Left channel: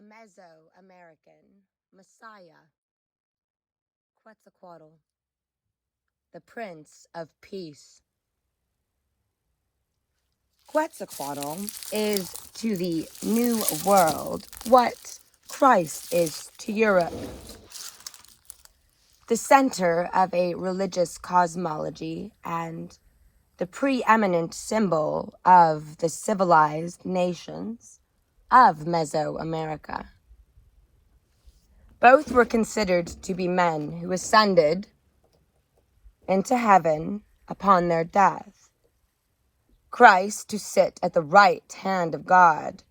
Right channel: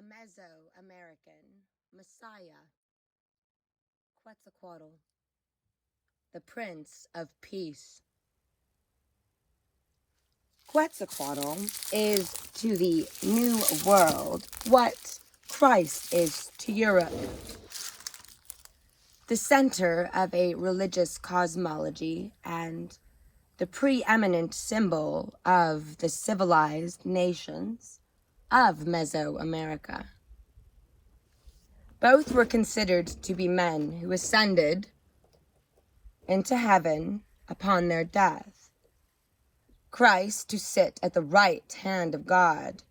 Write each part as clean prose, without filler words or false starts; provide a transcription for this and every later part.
a Meso-American Messiah, Quetzalcoatl, the Prince of Peace. Quetzalcoatl is to the New World what Christ is to Europe. The center of a religious cosmology and the preeminent symbol of the civilized nations of Mesoamerica. Both were considered to be men who ascended into heaven upon their death. Christ to sit at the right hand of God,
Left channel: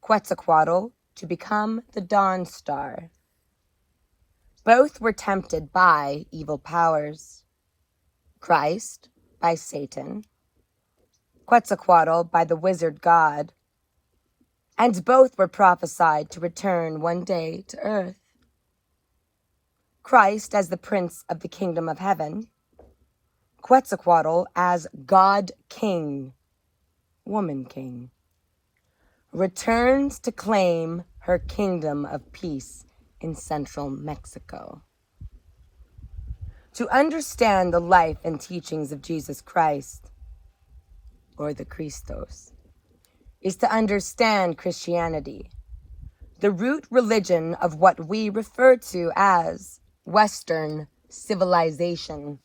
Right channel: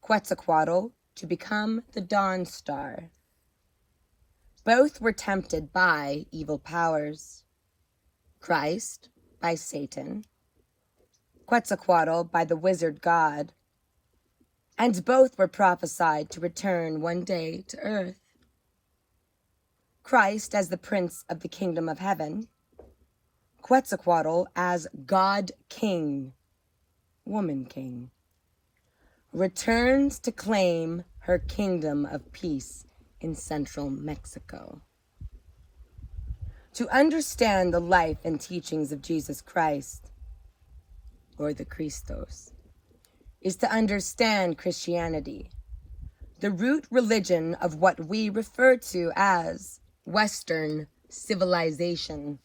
Quetzalcoatl to become the dawn star. Both were tempted by evil powers. Christ by Satan, Quetzalcoatl by the wizard god, and both were prophesied to return one day to earth. Christ as the Prince of the Kingdom of Heaven, Quetzalcoatl as God King, Woman King, returns to claim her kingdom of peace in central Mexico. To understand the life and teachings of Jesus Christ, or the Christos, is to understand Christianity, the root religion of what we refer to as Western civilization.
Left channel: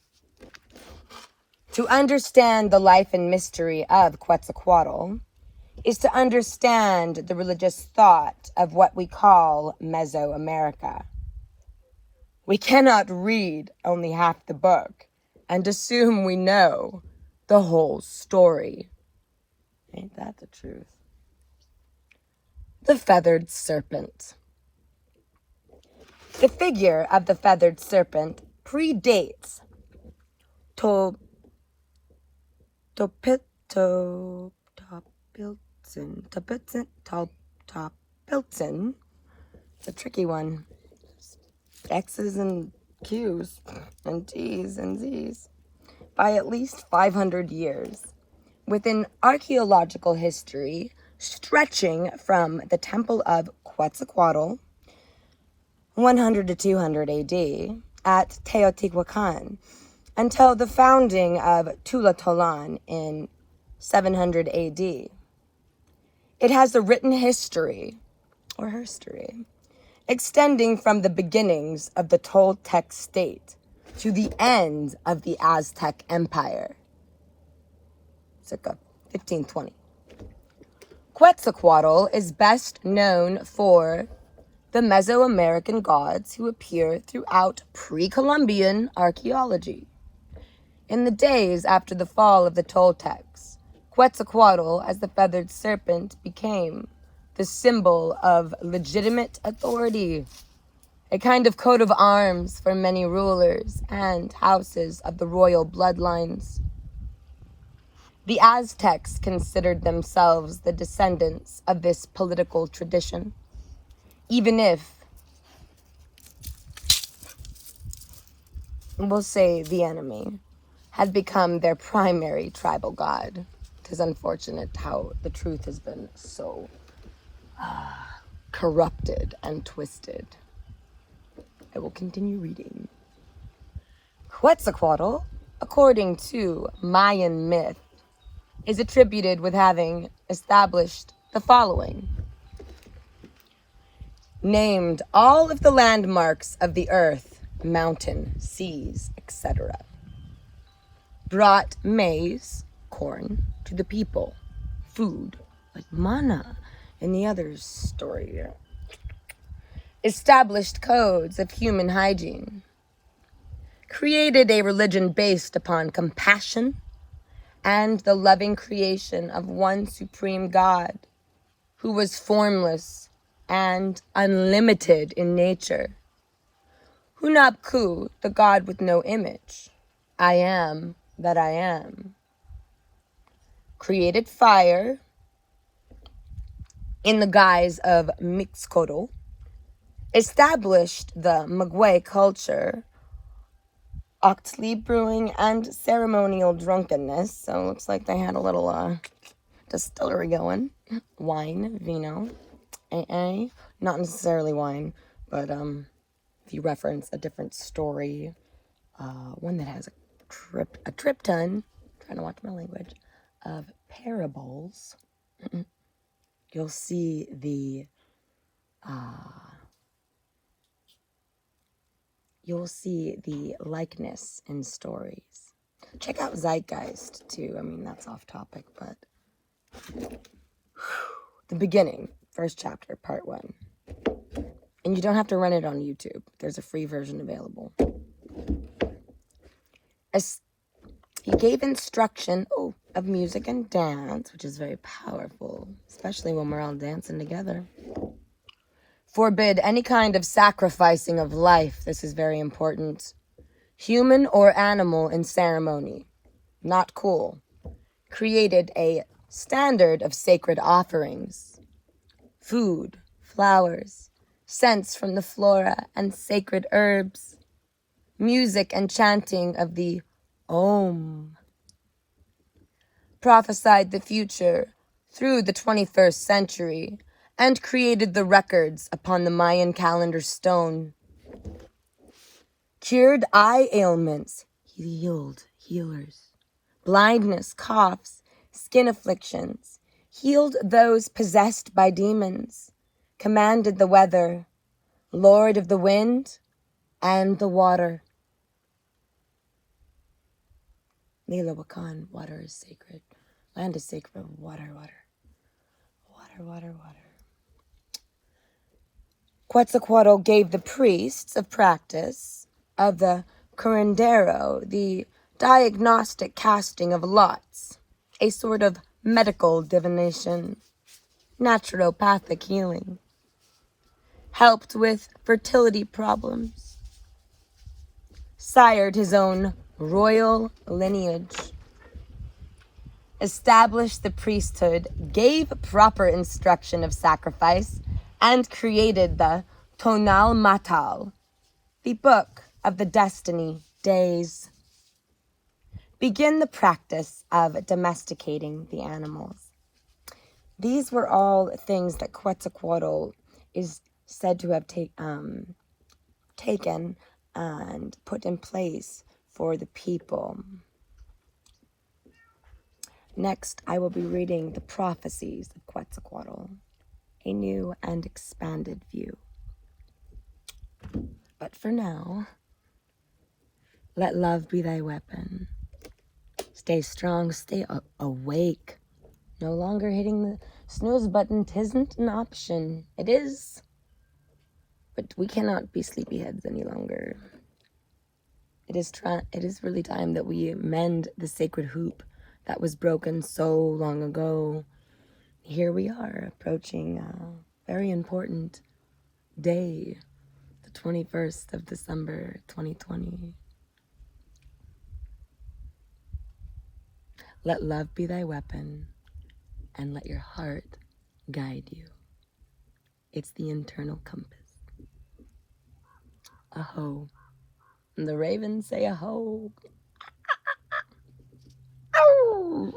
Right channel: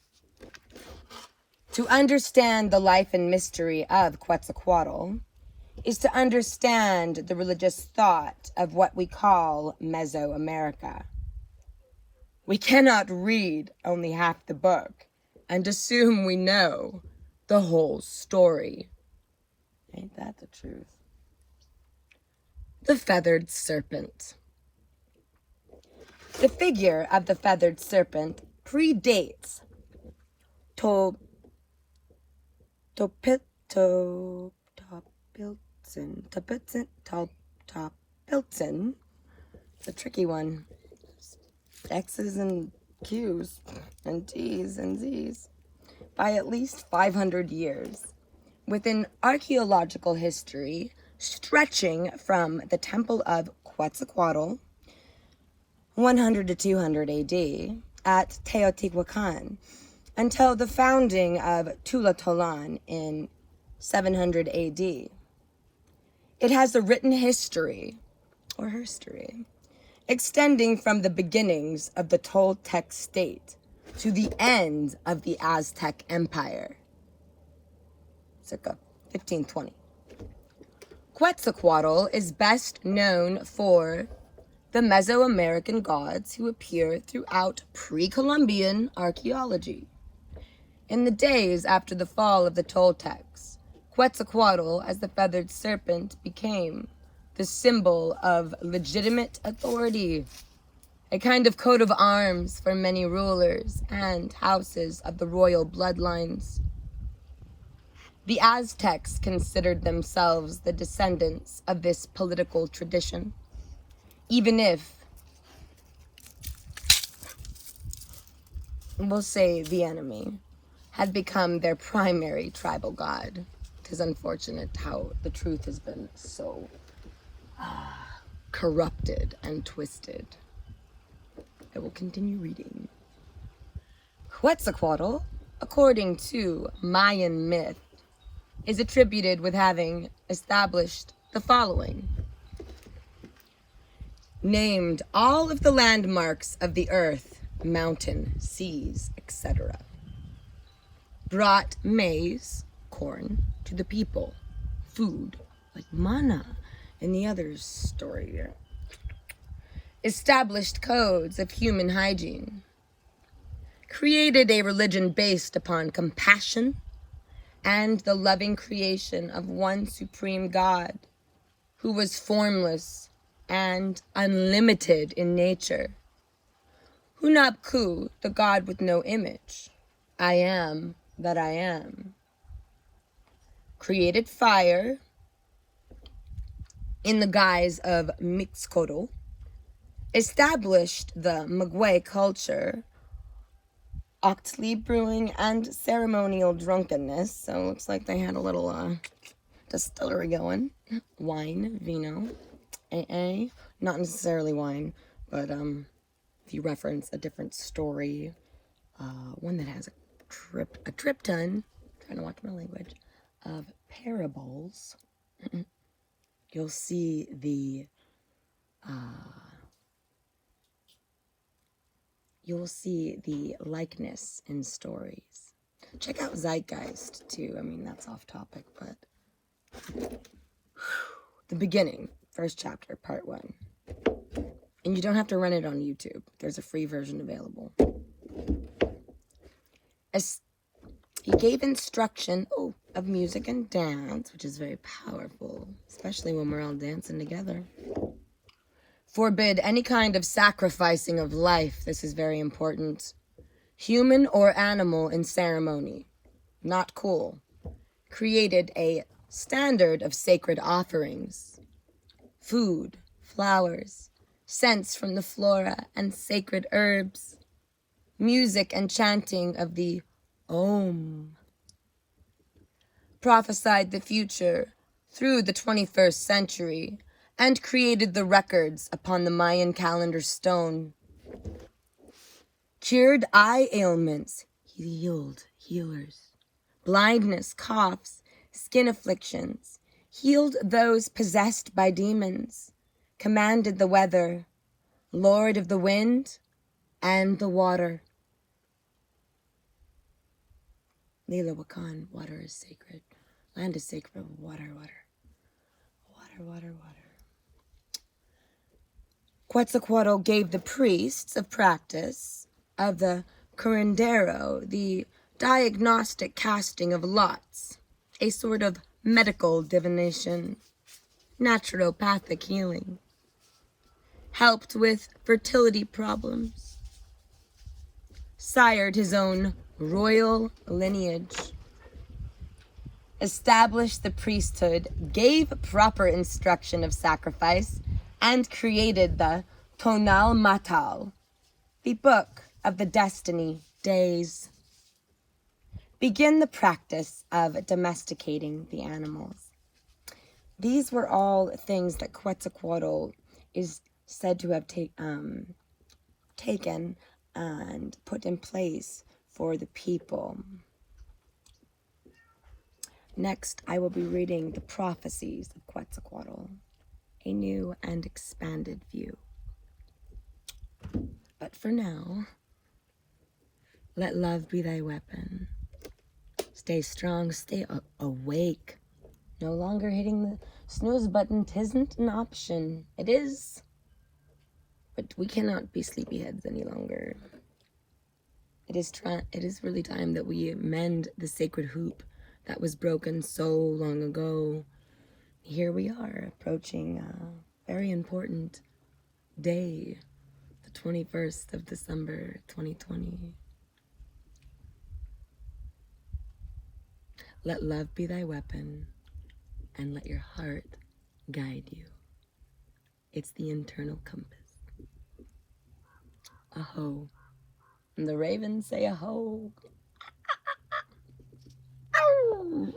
To understand the life and mystery of Quetzalcoatl is to understand the religious thought of what we call Mesoamerica. We cannot read only half the book and assume we know the whole story. Ain't that the truth? The feathered serpent. The figure of the feathered serpent predates Topilton, the tricky one. X's and Q's and T's and Z's, by at least 500 years, with an archaeological history stretching from the Temple of Quetzalcoatl, 100 to 200 AD, at Teotihuacan, until the founding of Tula in 700 AD. It has a written history, or herstory, extending from the beginnings of the Toltec state to the end of the Aztec Empire, circa 1520. Quetzalcoatl is best known for the Mesoamerican gods who appear throughout pre-Columbian archaeology. In the days after the fall of the Toltecs, Quetzalcoatl as the feathered serpent became the symbol of legitimate authority, a kind of coat of arms for many rulers and houses of the royal bloodlines. The Aztecs considered themselves the descendants of this political tradition, even if, we'll say the enemy, had become their primary tribal god. It is unfortunate how the truth has been so corrupted and twisted. I will continue reading. Quetzalcoatl, according to Mayan myth, is attributed with having established the following. Named all of the landmarks of the earth, mountain, seas, etc. Brought maize, corn, to the people, food, like manna, in the other story here. Established codes of human hygiene. Created a religion based upon compassion and the loving creation of one supreme God who was formless and unlimited in nature. Hunabku, the God with no image. I am that I am. Created fire in the guise of Mixcoatl, established the Maguey culture, Octley brewing, and ceremonial drunkenness. So it looks like they had a little distillery going. Wine, vino, AA, not necessarily wine, but if you reference a different story, one that has a trip ton, trying to watch my language, of parables, you'll see the likeness in stories. Check out Zeitgeist too. I mean, that's off topic, but the beginning, first chapter, part 1. And you don't have to rent it on YouTube. There's a free version available. He gave instruction of music and dance, which is very powerful, especially when we're all dancing together. Forbid any kind of sacrificing of life. This is very important. Human or animal in ceremony. Not cool. Created a standard of sacred offerings. Food, flowers, scents from the flora and sacred herbs. Music and chanting of the Om. Prophesied the future through the 21st century and created the records upon the Mayan calendar stone. Cured eye ailments, healers, blindness, coughs, skin afflictions, healed those possessed by demons, commanded the weather, Lord of the wind and the water. Lila Wakan, water is sacred. Land is sacred. Water. Quetzalcoatl gave the priests of practice of the curandero the diagnostic casting of lots, a sort of medical divination, naturopathic healing, helped with fertility problems, sired his own royal lineage, established the priesthood, gave proper instruction of sacrifice, and created the Tonal Matal, the book of the destiny days. Begin the practice of domesticating the animals. These were all things that Quetzalcoatl is said to have taken and put in place for the people. Next, I will be reading the prophecies of Quetzalcoatl, a new and expanded view. But for now, let love be thy weapon. Stay strong, stay awake. No longer hitting the snooze button. 'Tisn't an option. It is. But we cannot be sleepyheads any longer. It is really time that we mend the sacred hoop that was broken so long ago. Here we are, approaching a very important day, the 21st of December, 2020. Let love be thy weapon, and let your heart guide you. It's the internal compass. Aho. And the ravens say aho. Ow!